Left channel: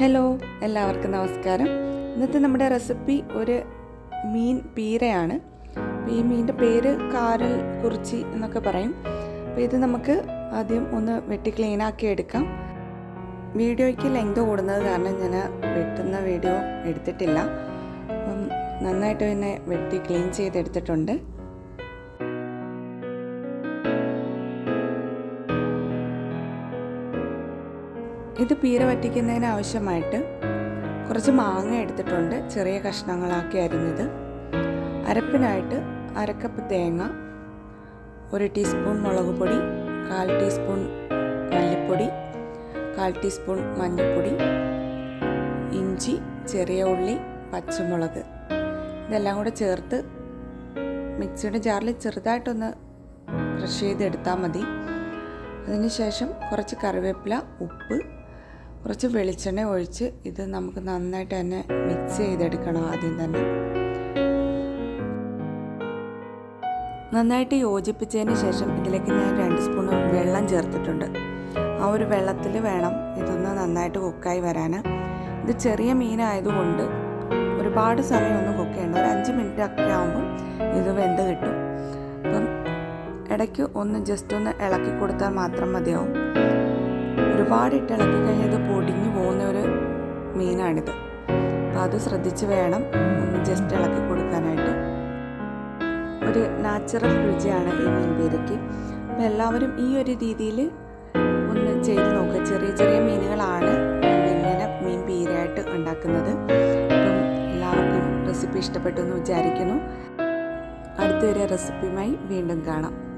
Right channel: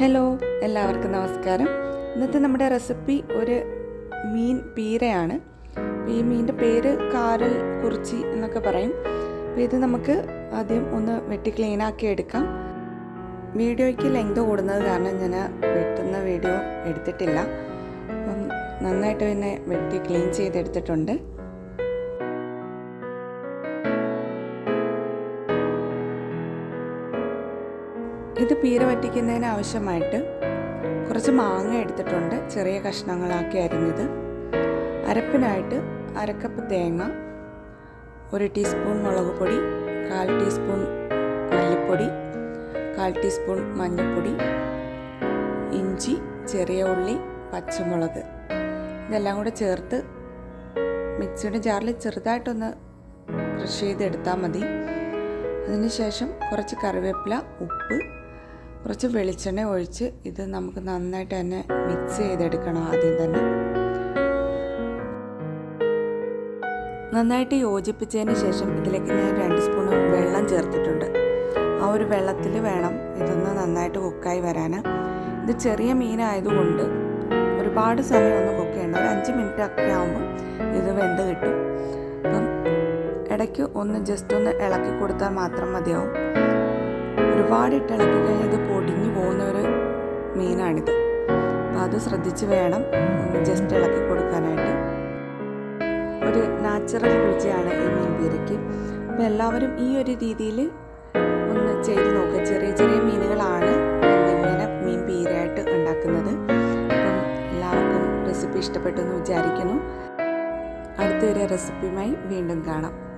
Hello എല്ലാവർക്കും നമസ്കാരം. ഇന്നത്തെ നമ്മുടെ റെസിപ്പി ഒരു മീൻ പീരയാണ്. അപ്പോൾ ഈ മീനിന്റെ പേര് കാരൽ കുറിച്ചി എന്നൊക്കെ പറയും. അപ്പോൾ ഇത് നമുക്ക് ആദ്യം ഒന്ന് വെട്ടി ക്ലീനാക്കി എടുക്കാം. വീഡിയോയ്ക്ക് ലെങ്ത് കൂടുന്നത് കാരണം ഞാൻ വെട്ടുന്ന വീഡിയോ എടുത്തിട്ടില്ല. അപ്പം നന്നായിട്ട് പിന്നെ വെട്ടി ക്ലീൻ ചെയ്തെടുത്തിട്ടുണ്ട്. ഇത് പീര വറ്റിക്കുന്നതിന് ആവശ്യമായിട്ട് കുറച്ച് മാങ്ങ എടുത്തിട്ടുണ്ട്. ചെറിയ കഷ്ണങ്ങളാക്കി അരിഞ്ഞത്. അരപ്പിനായിട്ട് അരക്കപ്പ് തേങ്ങ ഒരു ടീസ്പൂൺ മുളക് പൊടി കാൽ ടീസ്പൂൺ മല്ലിപ്പൊടി കാൽ ടീസ്പൂൺ മഞ്ഞൾപ്പൊടി ഇഞ്ചി ചെറിയ ഉള്ളി പച്ചമുളക്. ഇതെല്ലാം കൂടെ ചേർത്ത് മിക്സിയുടെ ജാറിൽ ചെറുതായിട്ടൊന്ന് ക്രഷ് ചെയ്തെടുത്താൽ മതി. അതിനുശേഷം കുറച്ച് കറിവേപ്പില ഉപ്പ് കുറച്ച് വെളിച്ചെണ്ണ ഒഴിച്ച് ഇത് നമുക്ക് നന്നായിട്ട് തന്നെ മിക്സ് ചെയ്തെടുക്കണം ആദ്യം തന്നെ. നന്നായിട്ട് യോജിപ്പിച്ചതിന് ശേഷം ഇതിലേക്ക് ഞാൻ രണ്ട് സ്പൂൺ വെള്ളം ചേർത്തിട്ടുണ്ട്. ആ ഒരു വെള്ളത്തിൽ വേണം ഇതൊന്ന് നന്നായിട്ട് കുക്കായി വരാൻ ഇത് ചെറിയ മീനായതുകൊണ്ട് ഒരുപാട് സമയം ഒന്നും കുക്ക് ചെയ്യേണ്ട. ഒരു അഞ്ച് മിനിറ്റ് ഒക്കെ ആകുമ്പോൾ ഇത് വെന്ത് കിട്ടും. അപ്പം ഇടയ്ക്ക് ഒന്ന് ജസ്റ്റ് ഒന്ന് ഇളക്കി കൊടുത്താൽ മാത്രം മതിയാവും. ഒരുപാട് ഇട്ട് ഇളക്കി കഴിഞ്ഞാൽ ഇത് പൊടിഞ്ഞു പോകുന്ന ഒരു മീനാണിത്. അപ്പം അത് ശ്രദ്ധിച്ച് വേണം ജസ്റ്റ് ഇളക്കി കൊടുക്കാനായിട്ട്. ഒരു നാച്ചുറൽ രുചിയാണ് ഈ മീൻ പീരയ്ക്ക് അപ്പോൾ എല്ലാവരും ഈ ഒരു രീതിയിൽ ഒന്ന് ചെയ്ത് നോക്കുക ചെറിയ ചെറിയ മീനുകളാണ് നമ്മളിങ്ങനെ മീൻ പീരയായിട്ട് ഉണ്ടാക്കുന്നത്. അപ്പം എല്ലാവർക്കും റെസിപ്പി ഇഷ്ടപ്പെട്ടു എന്ന് വിചാരിക്കുന്നു. അടുത്തൊരു റെസിപ്പിയുമായി വീണ്ടും കാണാം.